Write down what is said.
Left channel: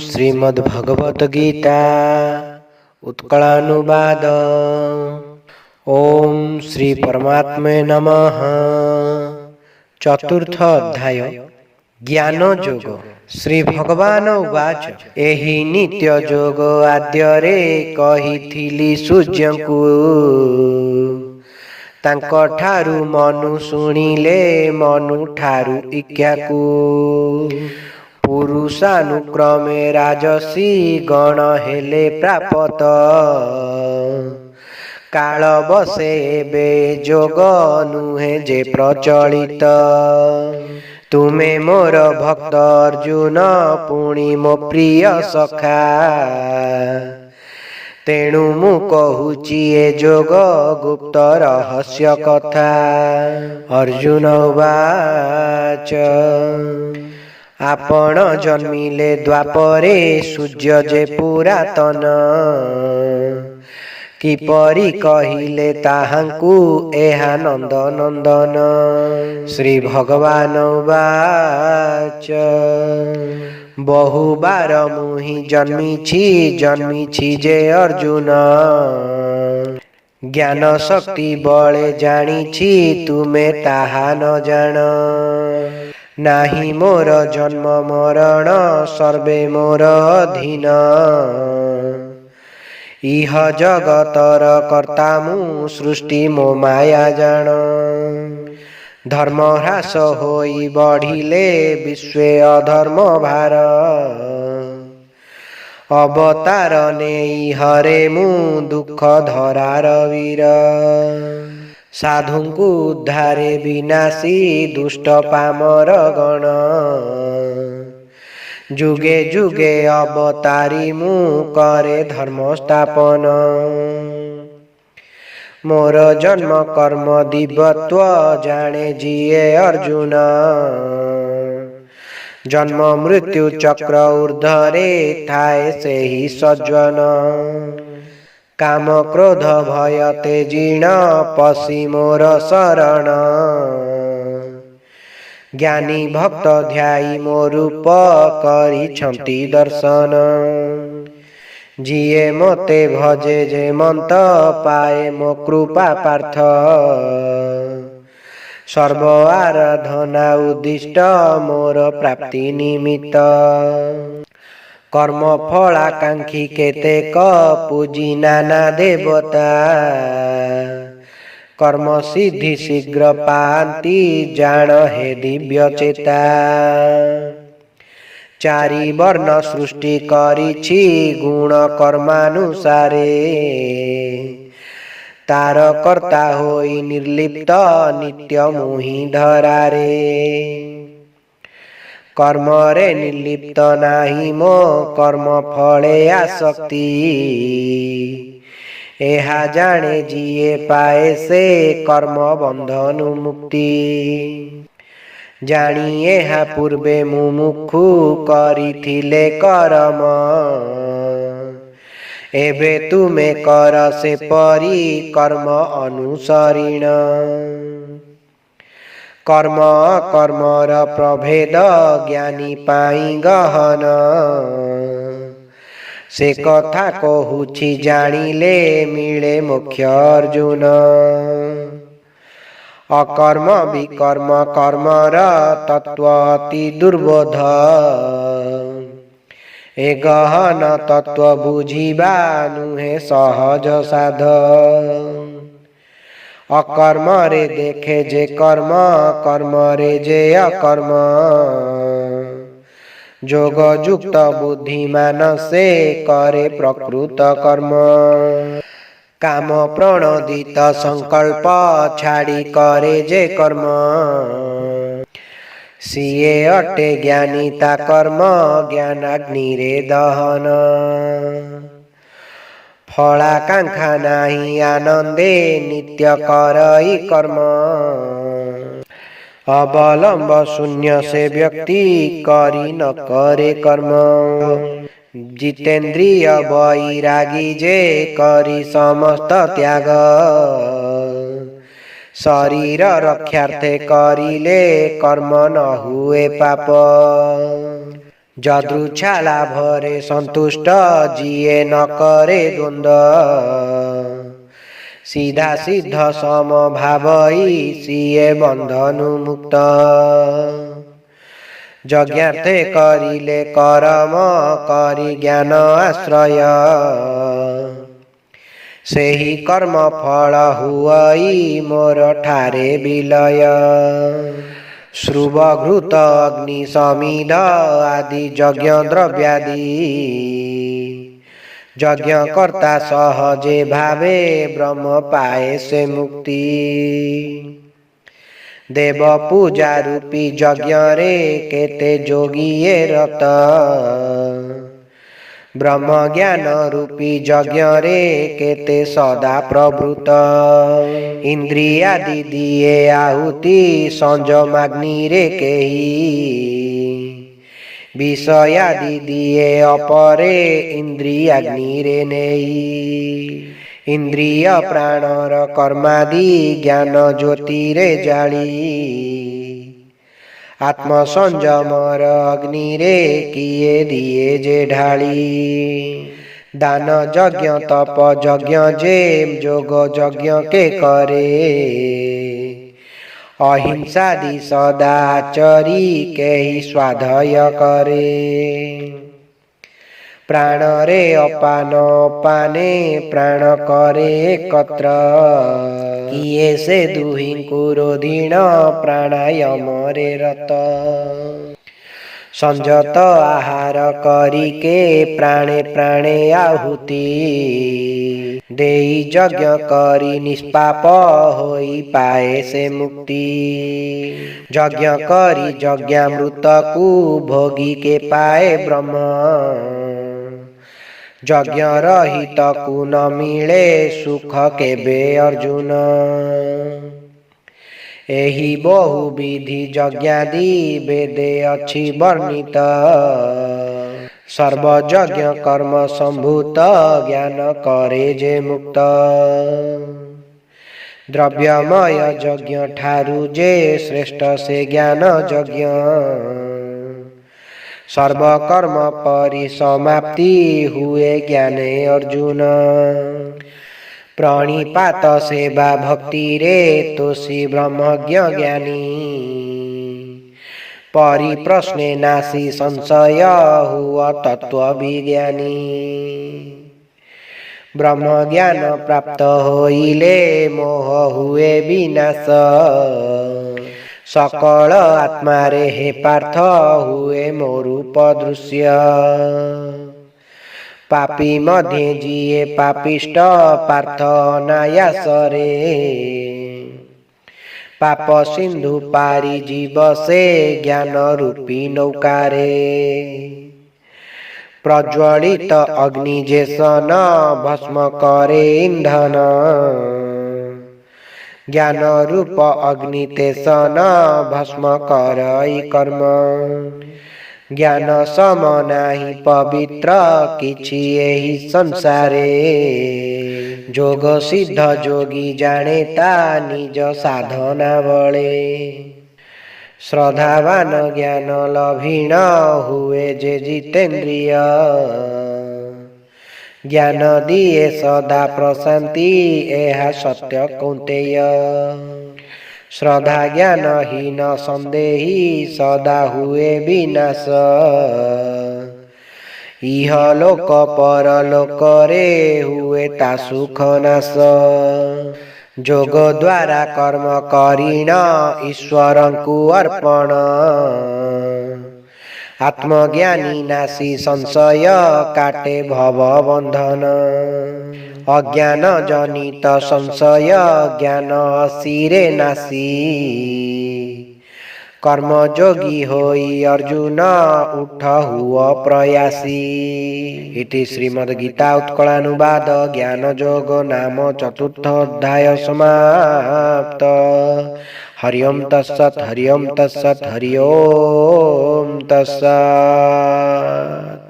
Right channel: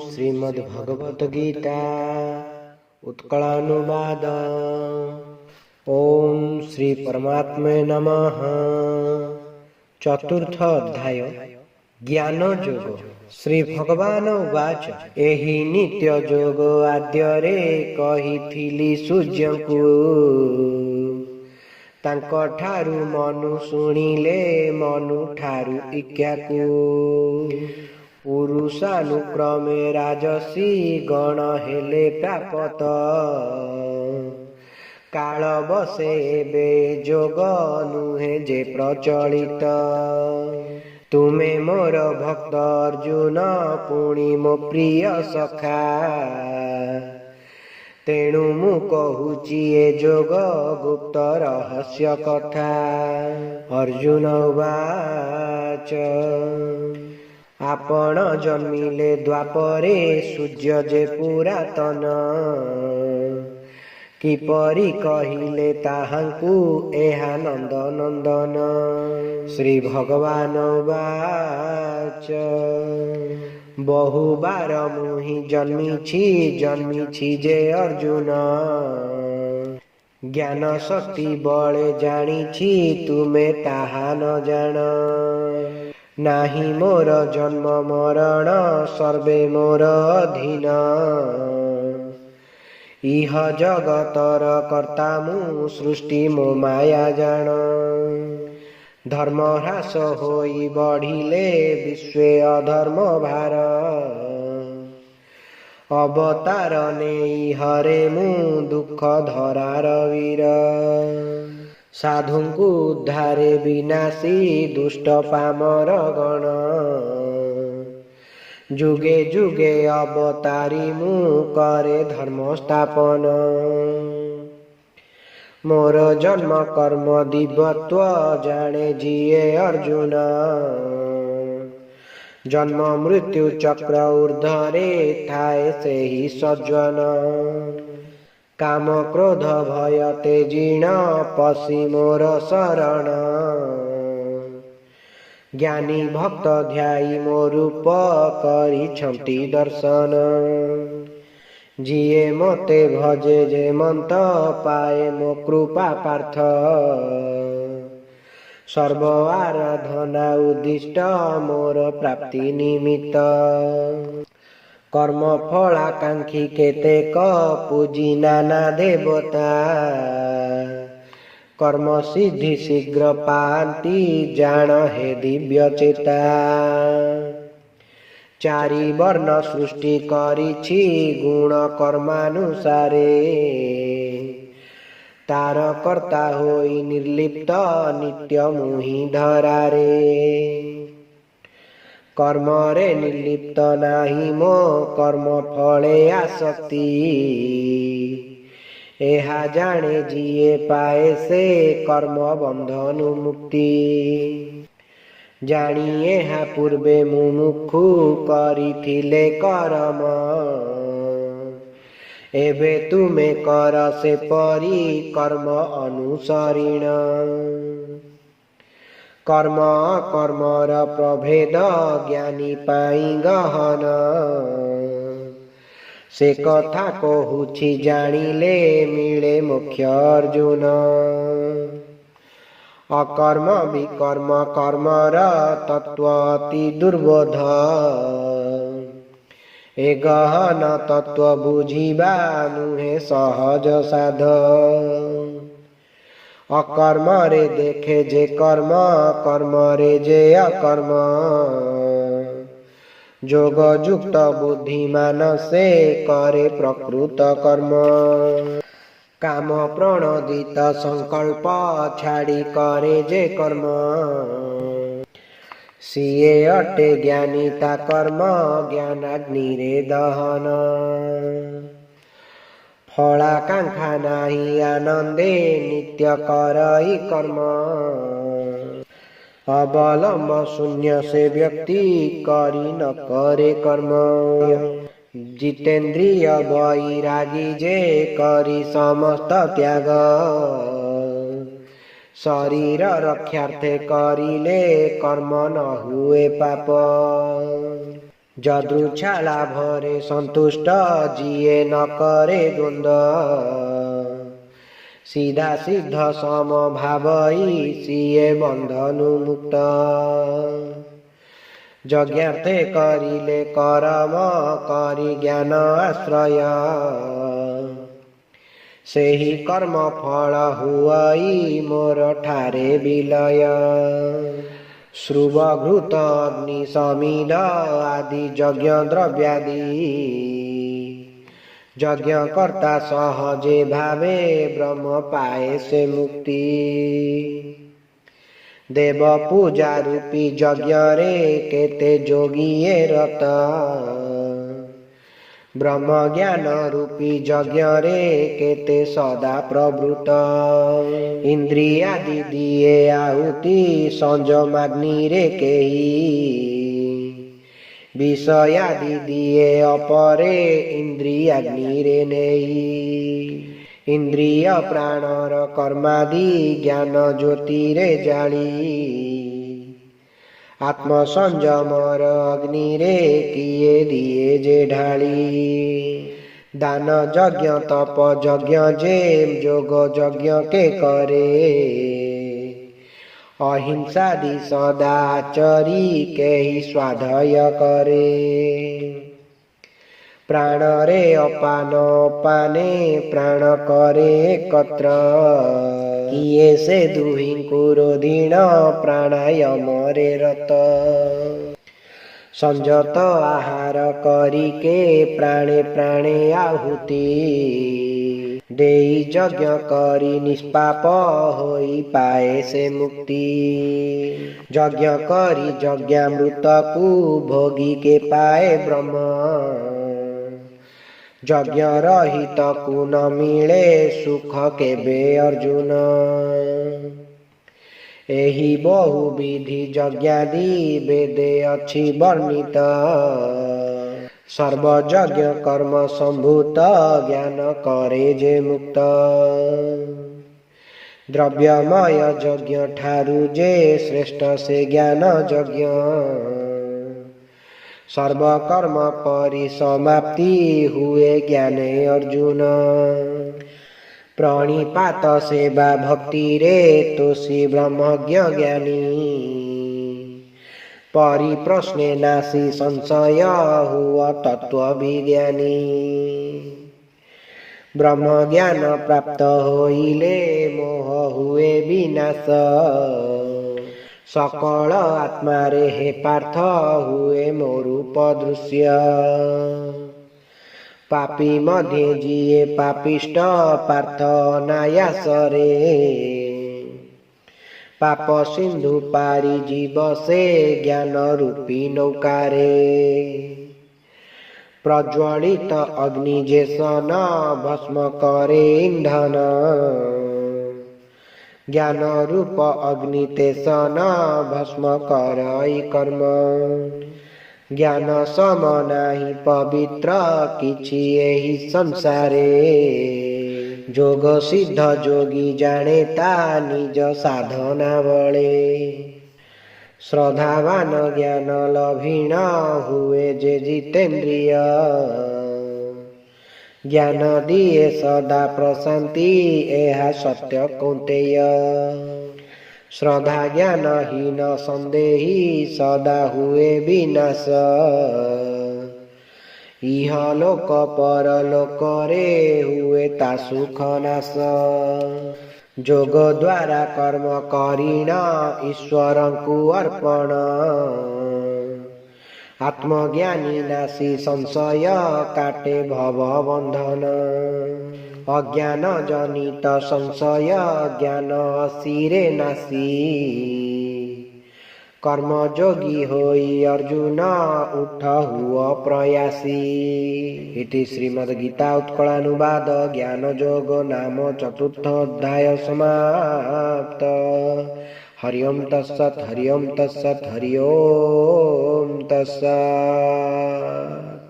श्रीमद्भगवत गीता उत्कलानुवाद। ओम श्री परमात्मे नमः। चतुर्थ अध्याय ज्ञान जोग। श्री भगवान उवाच एहि नित्य जोग आद्यरे कहिथिली सूर्यंकु तांको ठारु मनु शुणिले मनु ठारु इक्याकु पुरुषानुक्रमे राजसी गण हेले प्रापत काल बसे बे जोग नुहे जे प्रचलित तुमे मोर भक्त अर्जुन पुणी मो प्रिय सखा तेणु मु कहूची ए जोग गुप्त रहस्य कथा। अर्जुन उवाच आपण जन्मिले द्वापरे सूर्य जे पुरातन किपरि कहिले ताहांकु एहा नंद नंदन। श्री भगवान उवाच बहुबार मुहि जन्मिछि जे अर्जुन ज्ञान शक्ति बळे जानिछि तुमे ताहा न जान। नाही मोर जन्म मरण सर्वे मोर अधीन इह जगतर कर्ता मु सृष्टि मो माया जान। धर्म ह्रास होई बढ़िले विश्वे अधर्म भार अवतार नेई हरे मु दुख धरार वीर। साधुंकु उद्धारे विनाशी दुष्ट पामर गण जुगे जुगे अवतारी मु करे धर्म स्थापन। मोर जन्म कर्म दिव्यत्व जाने जिए अर्जुन जन्म मृत्यु चक्र ऊर्ध्वरे थाए सेहि सज्जन। काम क्रोध भय तेजिण पशि मोर शरण ज्ञानी भक्त ध्याई मो रूप करिछन्ति दर्शन। जिए मते भजे जे मंत पाए मो कृपा पार्थ सर्व आराधना उद्दिष्ट मोर प्राप्ति निमित्त। कर्म फलाकांक्षी केतेक पूजी नाना देवता कर्म सिद्धि शीघ्र पांति जान हे दिव्य चेता। चारि वर्ण सृष्टि करिछि गुण कर्मानुसारे तार कर्ता होई निर्लिप्त नित्य मुहि धरारे। कर्म रे निर्लिप्त नाही मो कर्म फले आसक्ति एहा जाने जिए पाए से कर्म बंधनु मुक्ति। जानी एहा पूर्वे मुमुक्षु करिथिले कर्म एबे तुमे कर से परी कर्म अनुसरिण। कर्म कर्मर प्रभेद ज्ञानी पाई गहन से कथा कहूछि जानिले मिले मोक्ष अर्जुन। अकर्म विकर्म कर्मर तत्व अति दुर्बोध ए गहन तत्व बुझिबा नुहे सहज साध। अकर्म रे देखे जे कर्म कर्म रे जे अकर्म जोग युक्त बुद्धिमान से करे प्रकृत कर्म। काम प्रणोदित संकल्प छाड़ी करे जे कर्म सिए अटे ज्ञानी ता कर्म ज्ञानाग्नि रे दहन। फलाकांक्षा नाही आनंदे नित्य करई कर्म अवलंब शून्य से व्यक्ति करी न करे कर्म। जितेंद्रिय वैरागी जे करी समस्त त्याग शरीर रक्षार्थे करिले कर्म न हुए पाप। ଯଦୃଚ୍ଛା ଲାଭରେ ସନ୍ତୁଷ୍ଟ ଯିଏ ନ କରେ ଦ୍ୱନ୍ଦ୍ୱ, ସିଧା ସିଦ୍ଧ ସମଭାବଇ ସିଏ ବନ୍ଧନୁ ମୁକ୍ତ। ଯଜ୍ଞାର୍ଥେ କରିଲେ କରମ କରି ଜ୍ଞାନ ଆଶ୍ରୟ, ସେହି କର୍ମ ଫଳ ହୁଅଇ ମୋର ଠାରେ ବିଲୟ। ଶ୍ରୁବଘୃତ ଅଗ୍ନି ସମିଧ ଆଦି ଯଜ୍ଞ ଦ୍ରବ୍ୟାଦି, ଯଜ୍ଞ କର୍ତ୍ତା ସହଜେ ଭାବେ ବ୍ରହ୍ମ ପାଏ ସେ ମୁକ୍ତି। ଦେବ ପୂଜା ରୂପୀ ଯଜ୍ଞରେ କେତେ ଯୋଗୀଏ ରତ, ବ୍ରହ୍ମ ଜ୍ଞାନ ରୂପୀ ଯଜ୍ଞରେ କେତେ ସଦା ପ୍ରବୃତ। ଇନ୍ଦ୍ରିୟାଦି ଦିଏ ଆହୁତି ସଂଯମାଗ୍ନିରେ କେହି, ବିଷୟାଦି ଦିଏ ଅପରେ ଇନ୍ଦ୍ରିୟାଗ୍ନିରେ ନେଇ। ଇନ୍ଦ୍ରିୟ ପ୍ରାଣର କର୍ମାଦି ଜ୍ଞାନ ଜ୍ୟୋତିରେ ଜାଳି, ଆତ୍ମ ସଂଯମର ଅଗ୍ନିରେ କିଏ ଦିଏ ଯେ ଢାଳି। ଦାନ ଯଜ୍ଞ ତପ ଯଜ୍ଞ ଯେ ଯୋଗ ଯଜ୍ଞ କେ କରେ, ଅହିଂସାଦି ସଦାଚରି କେହି ସ୍ୱାଧୟ କରେ। ପ୍ରାଣରେ ଅପାନ ଅପାନେ ପ୍ରାଣ କରେ ଏକତ୍ର, କିଏ ସେ ଦୁହିଁଙ୍କୁ ରୋଧିଣ ପ୍ରାଣାୟାମରେ ରତ। ସଂଯତ ଆହାର କରିକେ ପ୍ରାଣେ ପ୍ରାଣେ ଆହୁତି, ଦେଇ ଯଜ୍ଞ କରି ନିଷ୍ପାପ ହୋଇ ପାଏ ସେ ମୁକ୍ତି। ଯଜ୍ଞ କରି ଯଜ୍ଞାମୃତକୁ ଭୋଗିକେ ପାଏ ବ୍ରହ୍ମ, ଯଜ୍ଞ ରହିତକୁ ନ ମିଳେ ସୁଖ କେବେ ଅର୍ଜୁନ। ଏହି ବହୁ ବିଧି ଯଜ୍ଞାଦି ବେଦେ ଅଛି ବର୍ଣ୍ଣିତ, ସର୍ବଯଜ୍ଞ କର୍ମ ସମ୍ଭୂତ ଜ୍ଞାନ କରେ ଯେ ମୁକ୍ତ। ଦ୍ରବ୍ୟମୟ ଯଜ୍ଞ ଠାରୁ ଯେ ଶ୍ରେଷ୍ଠ ସେ ଜ୍ଞାନ ଯଜ୍ଞ, ସର୍ବକର୍ମ ପରିସମାପ୍ତି ହୁଏ ଜ୍ଞାନେ ଅର୍ଜୁନ। ପ୍ରଣିପାତ ସେବା ଭକ୍ତିରେ ତୋଷୀ ବ୍ରହ୍ମଜ୍ଞ ଜ୍ଞାନୀ, ପରିପ୍ରଶ୍ନେ ନାଶୀ ସଂଶୟ ହୁଅ ତତ୍ତ୍ୱ ବିଜ୍ଞାନୀ। ବ୍ରହ୍ମଜ୍ଞାନ ପ୍ରାପ୍ତ ହୋଇଲେ ମୋହ ହୁଏ ବିନାଶ, ସକଳ ଆତ୍ମାରେ ହେ ପାର୍ଥ ହୁଏ ମୋ ରୂପ ଦୃଶ୍ୟ। ପାପୀ ମଧ୍ୟେ ଯିଏ ପାପିଷ୍ଟ ପାର୍ଥ ଅନାୟାସରେ, ପାପ ସିନ୍ଧୁ ପାରି ଯିବ ସେ ଜ୍ଞାନ ରୂପୀ ନୌକାରେ। ପ୍ରଜ୍ୱଳିତ ଅଗ୍ନି ଯେ ସନ ଭସ୍ମ କରେ ଇନ୍ଧନ, ଜ୍ଞାନ ରୂପ ଅଗ୍ନି ତେସନ ଭସ୍ମ କରଇ କର୍ମ। ଜ୍ଞାନ ସମ ନାହିଁ ପବିତ୍ର କିଛି ଏହି ସଂସାରେ, ଯୋଗ ସିଦ୍ଧ ଯୋଗୀ ଜାଣେ ତା ନିଜ ସାଧନା ବଳେ। ଶ୍ରଦ୍ଧାବାନ ଜ୍ଞାନ ଲଭିଣ ହୁଏ ଯେ ଜିତେନ୍ଦ୍ରିୟ, ଜ୍ଞାନ ଦିଏ ସଦା ପ୍ରଶାନ୍ତି ଏହା ସତ୍ୟ କୌନ୍ତେୟ। ଶ୍ରଦ୍ଧା ଜ୍ଞାନ ହୀନ ସନ୍ଦେହୀ ସଦା ହୁଏ ବିନାଶ, ଇହ ଲୋକ ପରଲୋକରେ ହୁଏ ତା ସୁଖ ନାଶ। ଯୋଗ ଦ୍ୱାରା କର୍ମ କରିଣ ଈଶ୍ୱରଙ୍କୁ ଅର୍ପଣ, ଆତ୍ମଜ୍ଞାନୀ ନାଶୀ ସଂଶୟ କାଟେ ଭବ ବନ୍ଧନ। ଅଜ୍ଞାନ ଜନିତ ସଂଶୟ ଜ୍ଞାନ ଅସିରେ ନାଶୀ, କର୍ମଯୋଗୀ ହୋଇ ଅର୍ଜୁନ ଉଠ ହୁଅ ପ୍ରୟାସୀ। ଇତି ଶ୍ରୀମଦ୍ ଗୀତା ଉତ୍କଳାନୁବାଦ ଜ୍ଞାନ ଯୋଗ ନାମ ଚତୁର୍ଥ ଅଧ୍ୟାୟ ସମାପ୍ତ। ହରି ଓମ୍ ତତ୍ସତ୍ ହରି ଓମ୍ ତତ୍ସତ୍ ହରି ଓମ୍ ତତ୍ସତ୍।